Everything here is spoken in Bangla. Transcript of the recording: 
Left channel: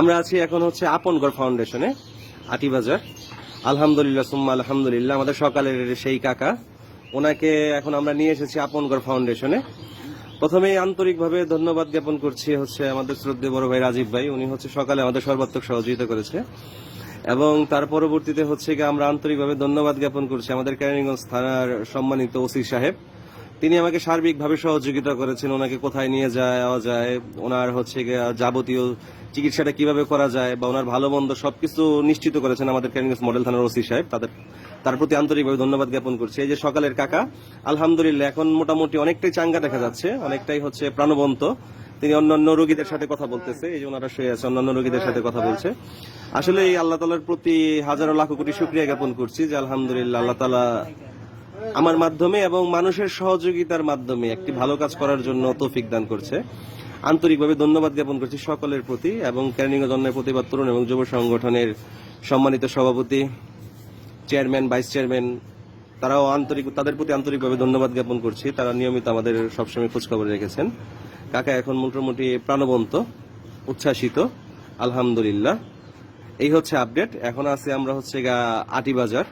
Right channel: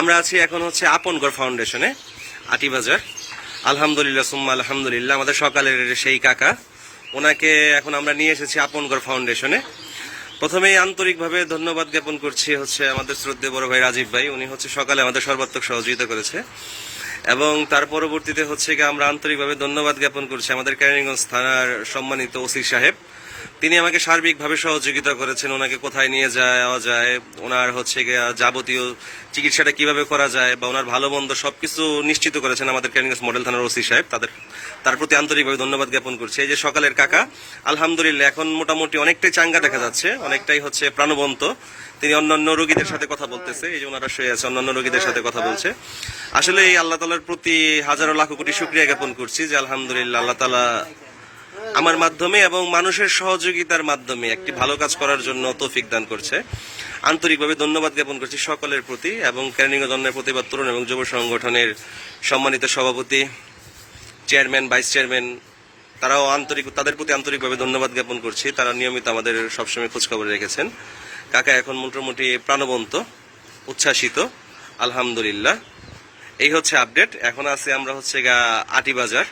আমরা আছি এখন হচ্ছে আপনগড় ফাউন্ডেশনে আটিবাজার আলহামদুলিল্লাহ, সুম্মা আলহামদুলিল্লাহ, আমাদের সকালের সেই কাকা। ওনাকে এখন আমরা নিয়ে এসেছি আপনগড় ফাউন্ডেশনে প্রথমেই আন্তরিকভাবে ধন্যবাদ জ্ঞাপন করছি হচ্ছে আমাদের শ্রদ্ধে বড় ভাই রাজীব ভাই। উনি হচ্ছে সকালে আমাদের সর্বাত্মক সহযোগিতা করেছে। এবং তার পরবর্তীতে হচ্ছে গিয়ে আমরা আন্তরিকভাবে ধন্যবাদ জ্ঞাপন করছি আমাদের ক্যারিগঞ্জ থানার সম্মানিত ওসি সাহেব। তিনি আমাকে সার্বিকভাবে সহযোগিতা করেছেন, ওনাকে কোথায় নিয়ে যাওয়া যায়, ওনার হচ্ছে যাবতীয় চিকিৎসাটা কীভাবে করা যায় বা ওনার ভালো মন্দ সবকিছু নিশ্চিত করেছেন আমাদের ক্যারিগঞ্জ মডেল থানার ওসি সাহেব। তাদের, তার প্রতি আন্তরিকভাবে ধন্যবাদ জ্ঞাপন করছি। এই যে সকালের কাকা, আলহামদুলিল্লাহ এখন মোটামুটি অনেকটাই চাঙ্গা দেখা যাচ্ছে, অনেকটাই হচ্ছে প্রাণবন্ত। তিনি অন্যান্য রোগীদের সাথে কথা বলতেছে, এই যে ওনারা শুয়ে আছে, অন্যান্য রোগীদের সাথে কথা বলছে। আসলে এই আল্লাহ তালার প্রতি হাজারো লাখো কোটি শুক্রিয়া জ্ঞাপন করছি যে আলহামদুলিল্লাহ আল্লাহ তালা আমার মাধ্যমে এবং মানুষের সহযোগিতার মাধ্যমে একটি ভালো কাজ করার জন্য তৌফিক দান করছে। আন্তরিকভাবে ধন্যবাদ জ্ঞাপন করছি সকলের প্রতি এবং কেরানীয় জন্মের প্রতিবাদ তরুণ এবং যুব সংগঠনের সম্মানিত সভাপতি, চেয়ারম্যান, ভাইস চেয়ারম্যান, তারাও আন্তরিক তাদের প্রতি আন্তরিকভাবে ধন্যবাদ জ্ঞাপন করছি। তারা নিয়মিত আমাদের সবসময় খোঁজখবর রেখেছেন। কাকা এখন মোটামুটি প্রাণবন্ত, উচ্ছ্বাসিত, আলহামদুলিল্লাহ। এই হচ্ছে আপডেট। এখন আছে আমরা হচ্ছে গা আটিবাজার